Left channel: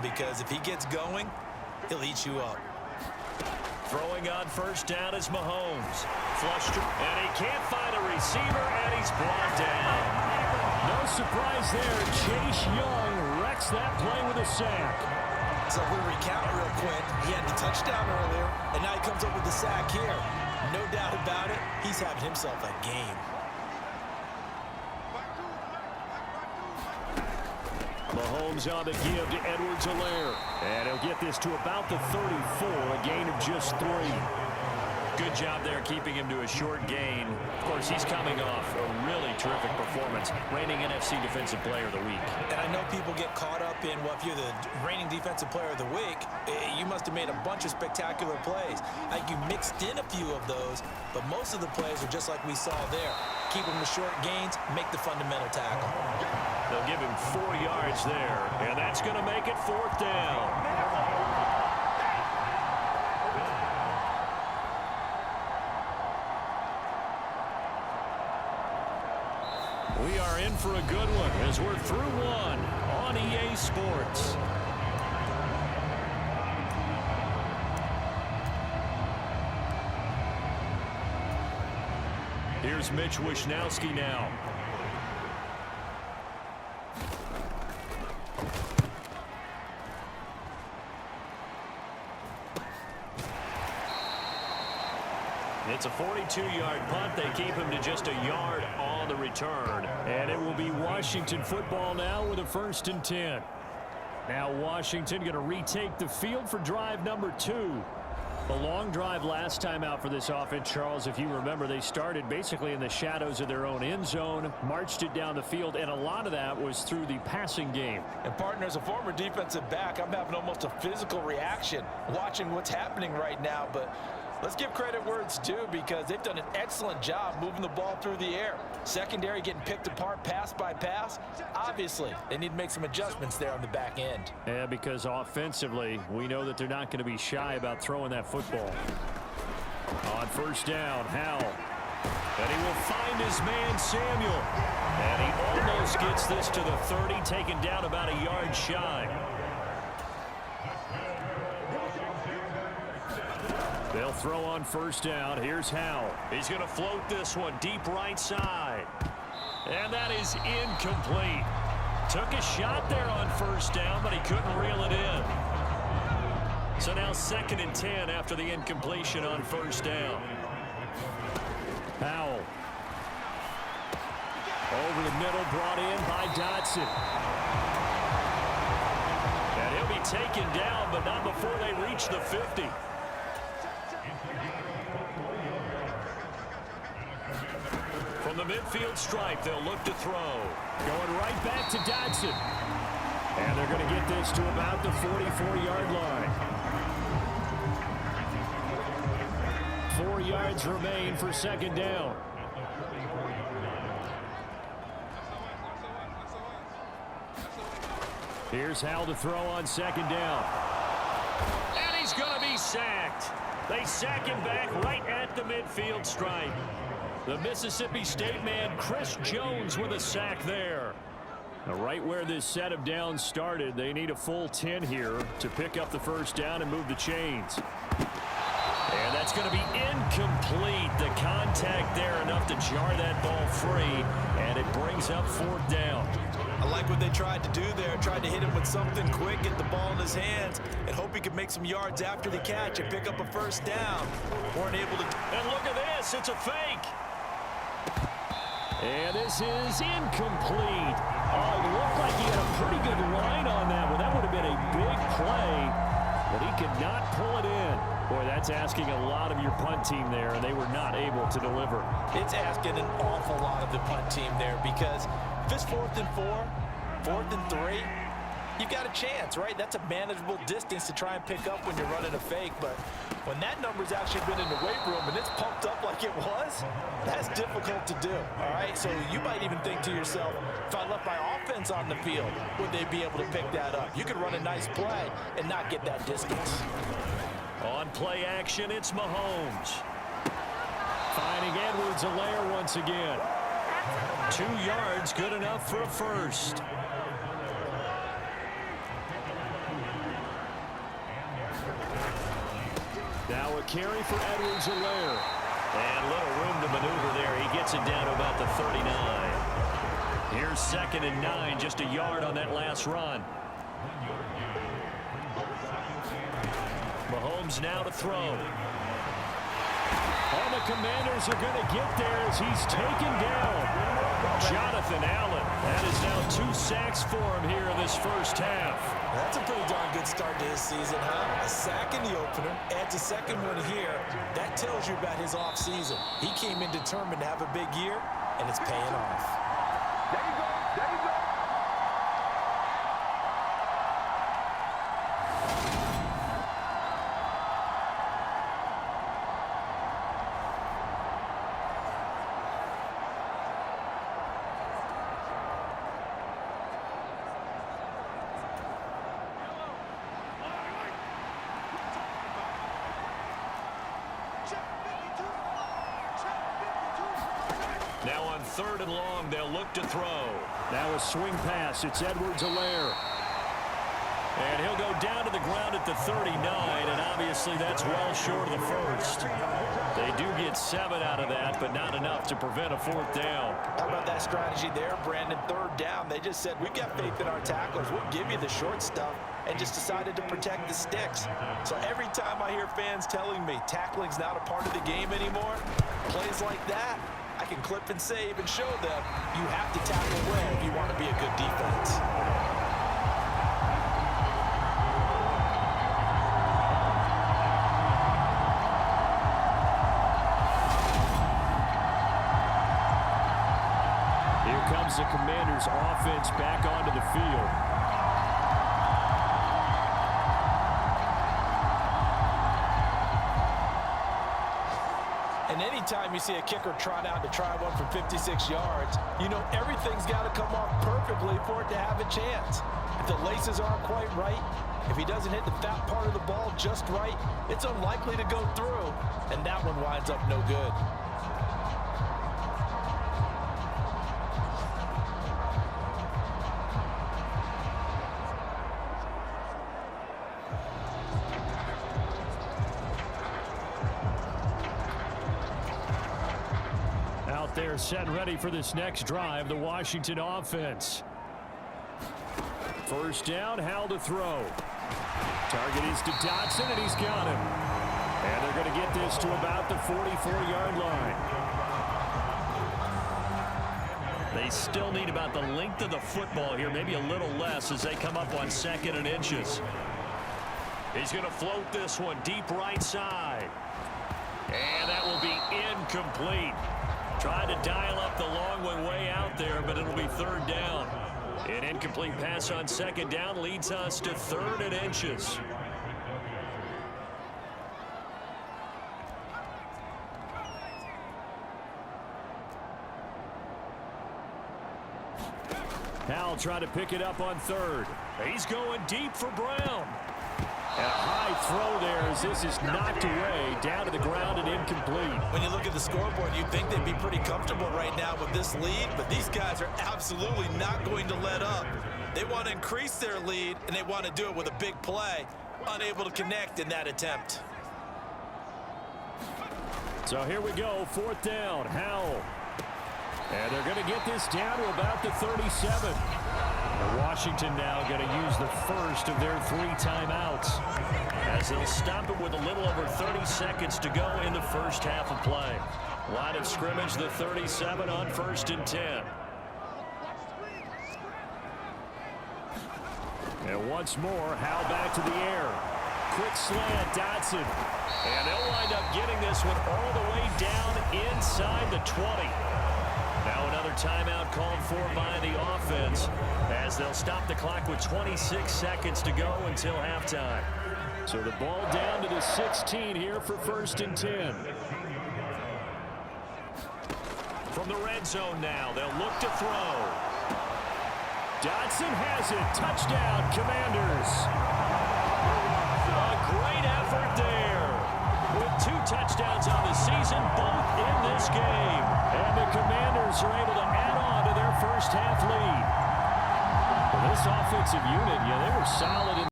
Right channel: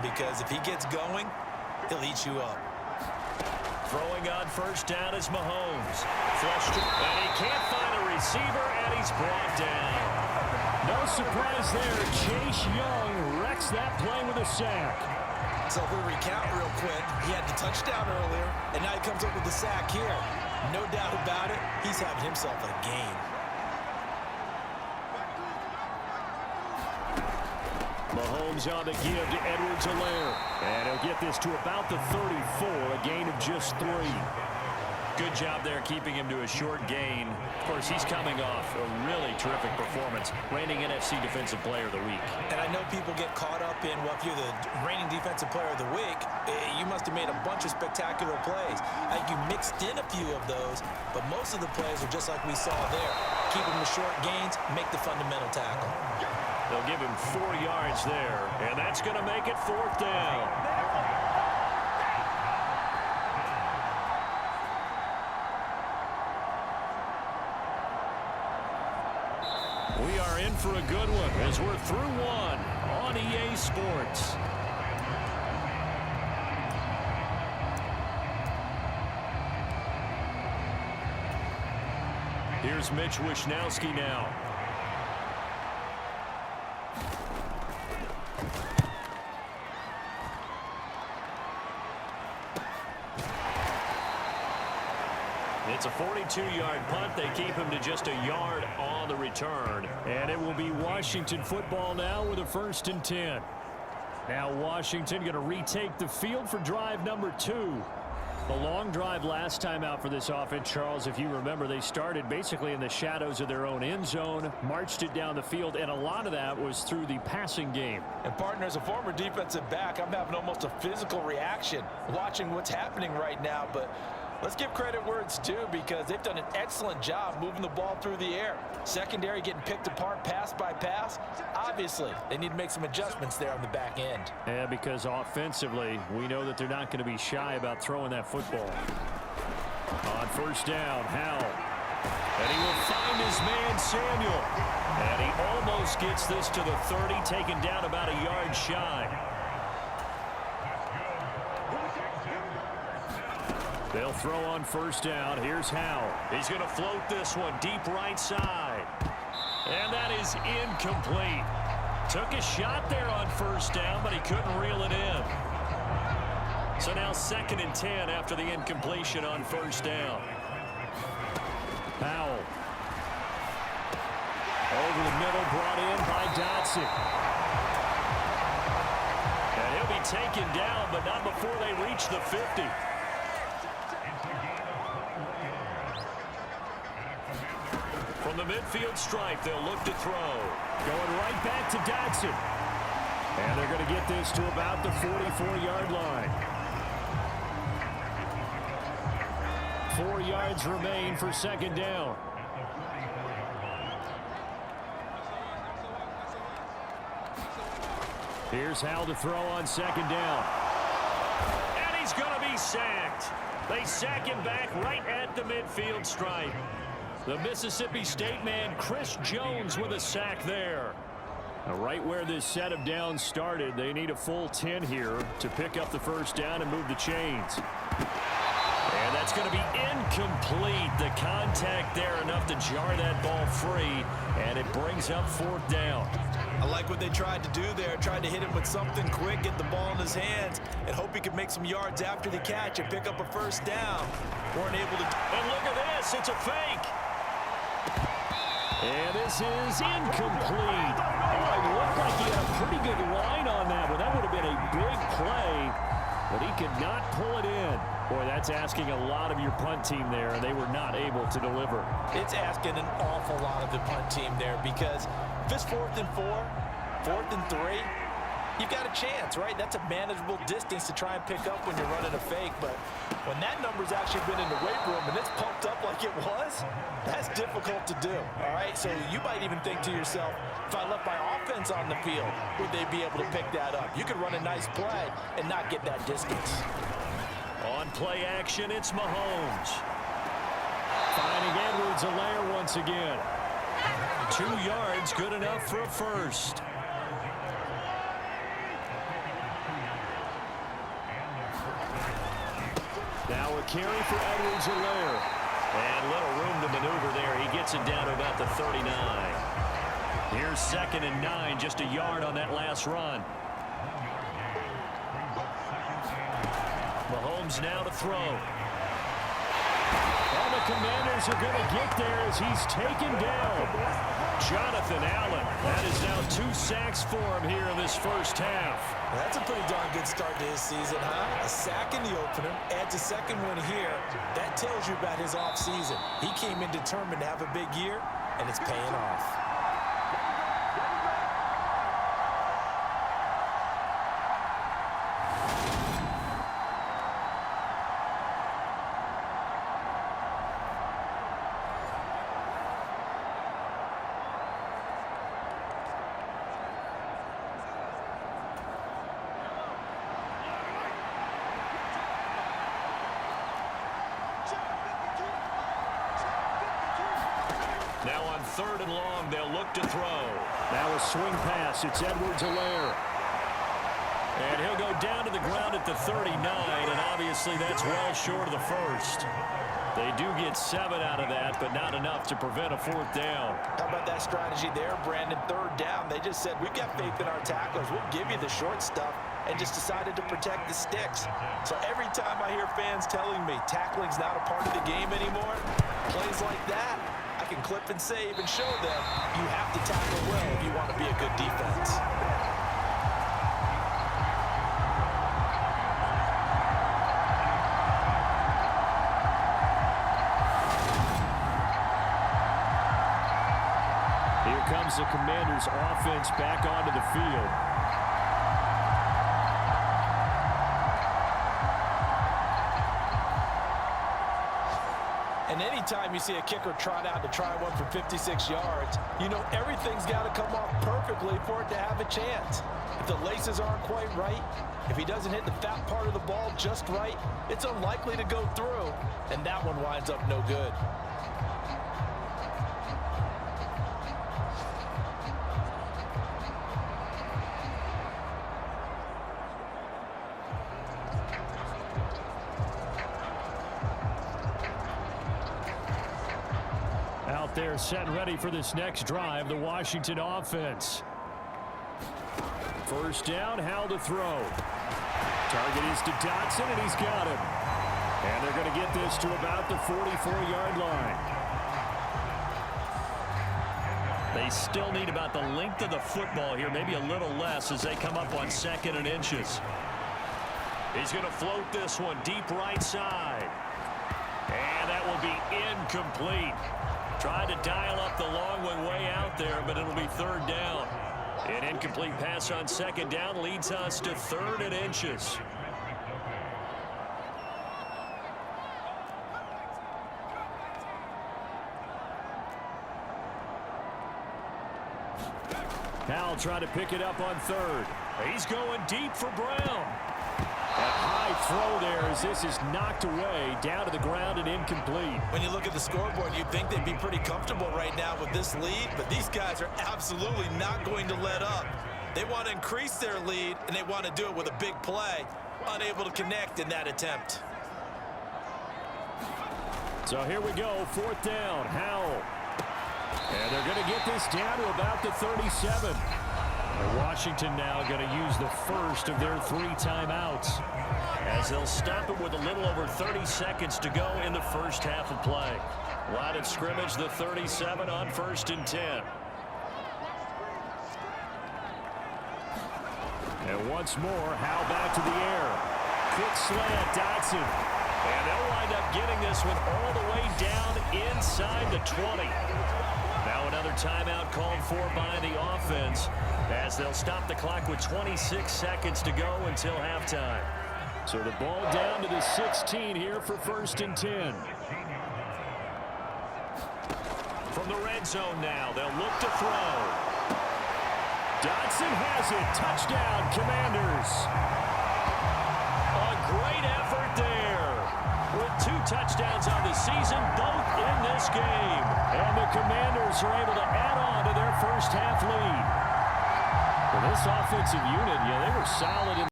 him because if he gets going, he'll eat you up. Throwing on first down is Mahomes. Flushed, and he can't find a receiver, and he's brought down. No surprise there. Chase Young wrecks that play with a sack. So if we recount real quick, he had the touchdown earlier, and now he comes up with the sack here. No doubt about it, he's having himself a game. Mahomes on the give to Edwards-Helaire. And he'll get this to about the 34, a gain of just 3. Good job there keeping him to a short gain. Of course, he's coming off a really terrific performance, reigning NFC Defensive Player of the Week. And I know people get caught up in, well, if you're the reigning Defensive Player of the Week, you must have made a bunch of spectacular plays. I think you mixed in a few of those, but most of the plays are just like we saw there. Keep them to short gains, make the fundamental tackle. They'll give him 4 yards there, and that's going to make it 4th down. We are in for a good one as we're through one on EA Sports. Here's Mitch Wishnowsky now. It's a 42-yard punt. They keep him to just a yard on the return. And it will be Washington football now with a 1st and 10. Now Washington going to retake the field for drive number 2. The long drive last time out for this offense, Charles, if you remember, they started basically in the shadows of their own end zone, marched it down the field, and a lot of that was through the passing game. And partner, as a former defensive back, I'm having almost a physical reaction watching what's happening right now, but let's give credit where it's due because they've done an excellent job moving the ball through the air. Secondary getting picked apart pass by pass. Obviously, they need to make some adjustments there on the back end. Yeah, because offensively, we know that they're not going to be shy about throwing that football. On first down, Howell. And he will find his man, Samuel. And he almost gets this to the 30, taken down about a yard shy. They'll throw on first down. Here's Howell. He's going to float this one deep right side. And that is incomplete. Took a shot there on first down, but he couldn't reel it in. So now 2nd and 10 after the incompletion on first down. Howell. Over the middle, brought in by Dotson. And he'll be taken down, but not before they reach the 50. From the midfield stripe, they'll look to throw. Going right back to Dotson. And they're going to get this to about the 44-yard line. 4 yards remain for 2nd down. Here's Howell to throw on 2nd down. And he's going to be sacked. They sack him back right at the midfield stripe. The Mississippi State man, Chris Jones, with a sack there. Now, right where this set of downs started, they need a full 10 here to pick up the first down and move the chains. And that's going to be incomplete. The contact there enough to jar that ball free, and it brings up 4th down. I like what they tried to do there. Tried to hit him with something quick, get the ball in his hands, and hope he could make some yards after the catch and pick up a first down. Weren't able to. And look at this. It's a fake. And this is incomplete. Oh, he looked like he had a pretty good line on that one. That would have been a big play, but he could not pull it in. Boy, that's asking a lot of your punt team there, and they were not able to deliver. It's asking an awful lot of the punt team there because if it's 4th and 4, 4th and 3, you've got a chance, right? That's a manageable distance to try and pick up when you're running a fake, but when that number's actually been in the weight room and it's pumped up like it was, that's difficult to do, all right? So you might even think to yourself, if I left my offense on the field, would they be able to pick that up? You could run a nice play and not get that distance. On play action, it's Mahomes. Finding Edwards-Helaire once again. 2 yards, good enough for a first. Now a carry for Edwards-Helaire. And little room to maneuver there. He gets it down to about the 39. Here's 2nd and 9, just a yard on that last run. Mahomes now to throw. All the Commanders are going to get there as he's taken down. Jonathan Allen. That is now 2 sacks for him here in this first half. That's a pretty darn good start to his season, huh? A sack in the opener, adds a second one here. That tells you about his offseason. He came in determined to have a big year, and it's paying off. There you go. There you go. Now on 3rd and long, they'll look to throw. Now a swing pass. It's Edwards-Helaire. And he'll go down to the ground at the 39, and obviously that's well short of the first. They do get 7 out of that, but not enough to prevent a 4th down. How about that strategy there, Brandon? 3rd down, they just said, we've got faith in our tacklers. We'll give you the short stuff, and just decided to protect the sticks. So every time I hear fans telling me tackling's not a part of the game anymore, plays like that, I can clip and save and show them you have to tackle well if you want to be a good defense. Here comes the Commanders' offense back onto the field. And anytime you see a kicker trot out to try one from 56 yards, you know everything's got to come off perfectly for it to have a chance. If the laces aren't quite right, if he doesn't hit the fat part of the ball just right, it's unlikely to go through, and that one winds up no good. Out there set and ready for this next drive, the Washington offense. 1st down, Howell to throw. Target is to Dotson, and he's got him. And they're going to get this to about the 44-yard line. They still need about the length of the football here, maybe a little less as they come up on 2nd and inches. He's going to float this one deep right side. And that will be incomplete. Tried to dial up the long one way out there, but it'll be 3rd down. An incomplete pass on 2nd down leads us to 3rd and inches. Howell trying to pick it up on 3rd. He's going deep for Brown. And a high throw there as this is knocked away, down to the ground and incomplete. When you look at the scoreboard, you'd think they'd be pretty comfortable right now with this lead, but these guys are absolutely not going to let up. They want to increase their lead, and they want to do it with a big play. Unable to connect in that attempt. So here we go, 4th down, Howell. And they're going to get this down to about the 37. And Washington now going to use the first of their 3 timeouts, as they'll stop it with a little over 30 seconds to go in the first half of play. Line of scrimmage, the 37 on 1st and 10. And once more, Howell back to the air. Quick slant, Dotson. And they'll wind up getting this one all the way down inside the 20. Now another timeout called for by the offense as they'll stop the clock with 26 seconds to go until halftime. So the ball down to the 16 here for 1st and 10. From the red zone now, they'll look to throw. Dotson has it. Touchdown, Commanders. A great effort there. With 2 touchdowns on the season, both in this game. And the Commanders are able to add on to their first half lead. Well, this offensive unit, yeah, they were solid in